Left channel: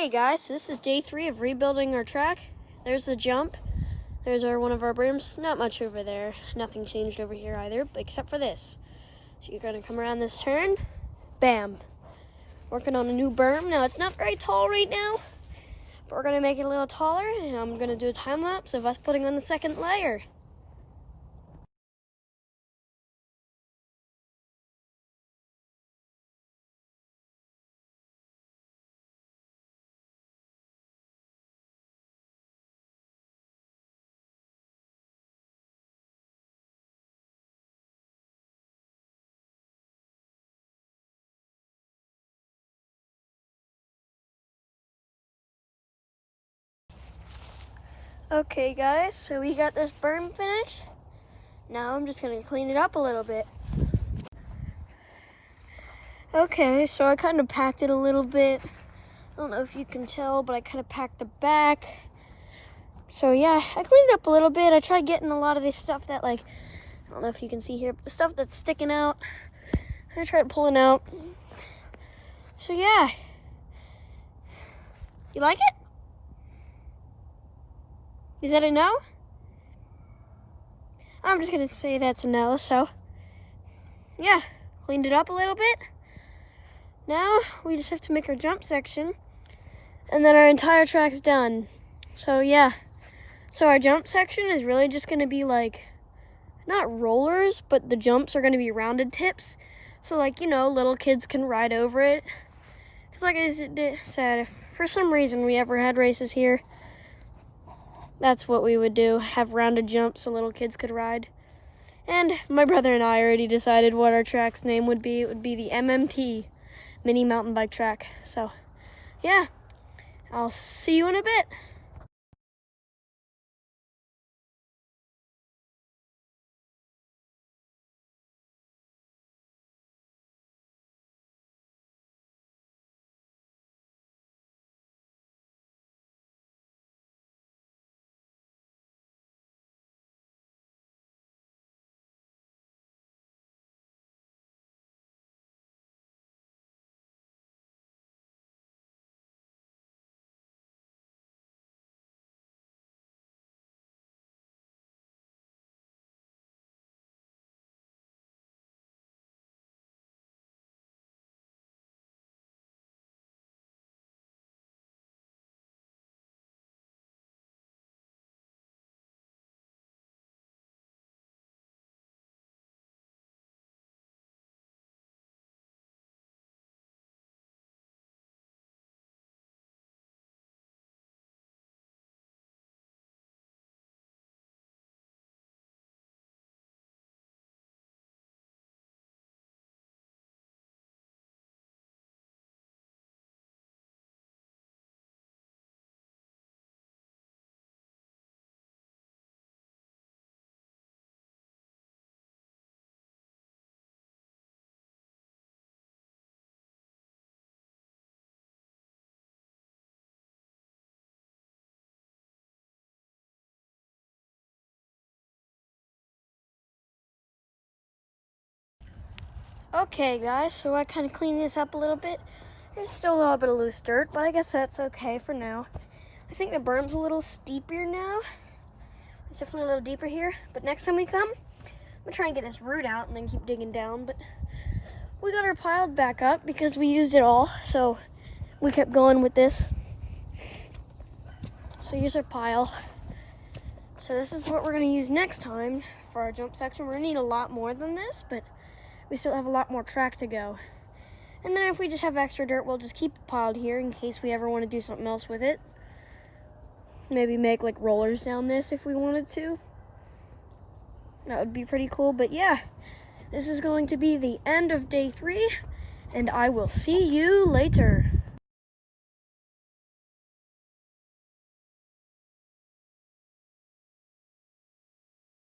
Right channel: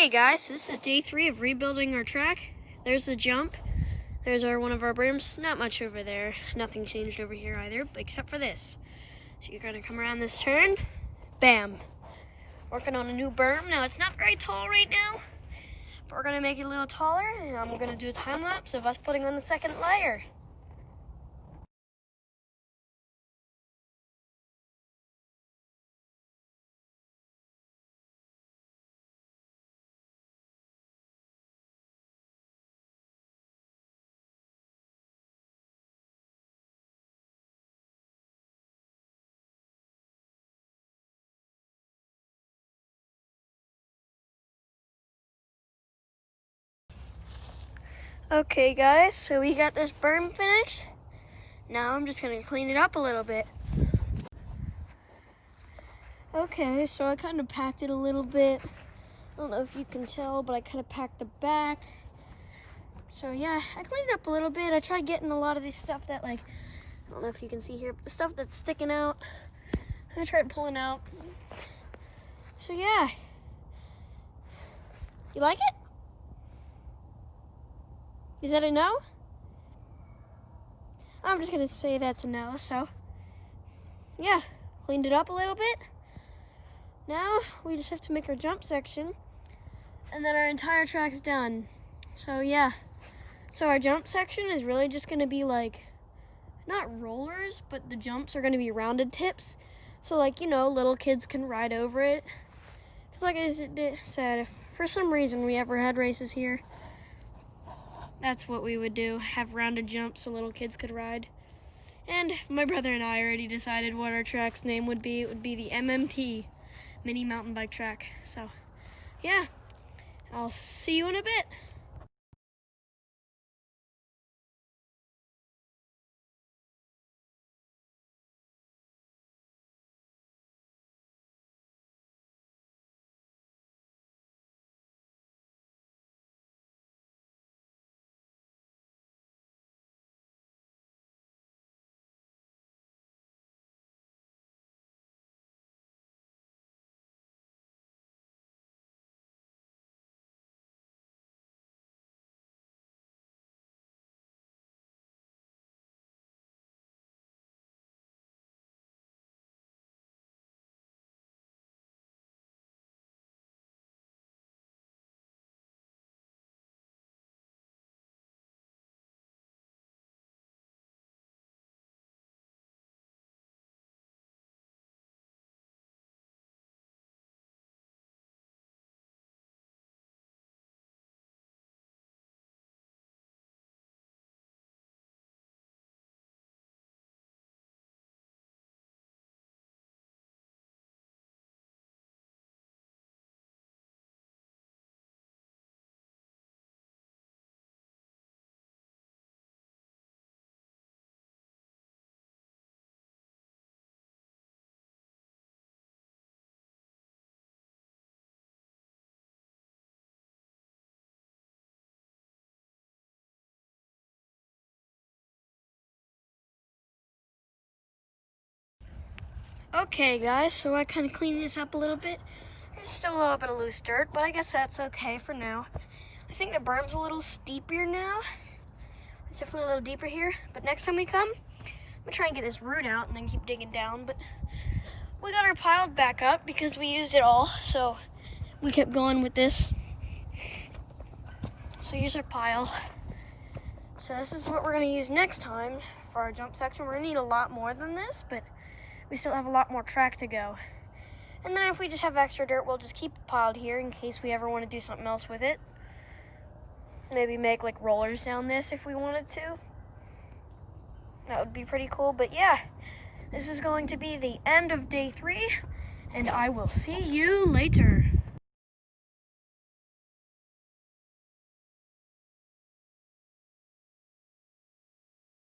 Hey guys, this is day 3 of rebuilding our track. There's the jump. There's one of our berms. Not much over there. Nothing changed over here either, except for this. So you're gonna come around this turn. Bam. Working on a new berm. Now it's not very tall right now, but we're gonna make it a little taller, and I'm gonna do a time lapse of us putting on the second layer. Okay guys, so we got this berm finished. Now I'm just gonna clean it up a little bit. Okay, so I kind of packed it a little bit. I don't know if you can tell, but I kind of packed the back. So yeah, I cleaned it up a little bit. I tried getting a lot of this stuff that, like, I don't know if you can see here, but the stuff that's sticking out, I tried pulling out. So yeah, you like it? Is that a no? I'm just gonna say that's a no. So yeah, cleaned it up a little bit. Now we just have to make our jump section, and then our entire track's done. So yeah, so our jump section is really just gonna be like, not rollers, but the jumps are gonna be rounded tips. So, like, you know, little kids can ride over it. Because like I said, if for some reason we ever had races here, that's what we would do, have rounded jumps so little kids could ride. And my brother and I already decided what our track's name would be. It would be the MMT, Mini Mountain Bike Track. So yeah, I'll see you in a bit. Okay guys, so I kind of cleaned this up a little bit. There's still a little bit of loose dirt, but I guess that's okay for now. I think the berm's a little steeper now. It's definitely a little deeper here, but next time we come, I'm gonna try and get this root out and then keep digging down. But we got our piled back up because we used it all, so we kept going with this. So here's our pile. So this is what we're gonna use next time for our jump section. We're gonna need a lot more than this, but we still have a lot more track to go. And then if we just have extra dirt, we'll just keep it piled here in case we ever want to do something else with it. Maybe make like rollers down this if we wanted to. That would be pretty cool. But yeah, this is going to be the end of day 3, and I will see you later.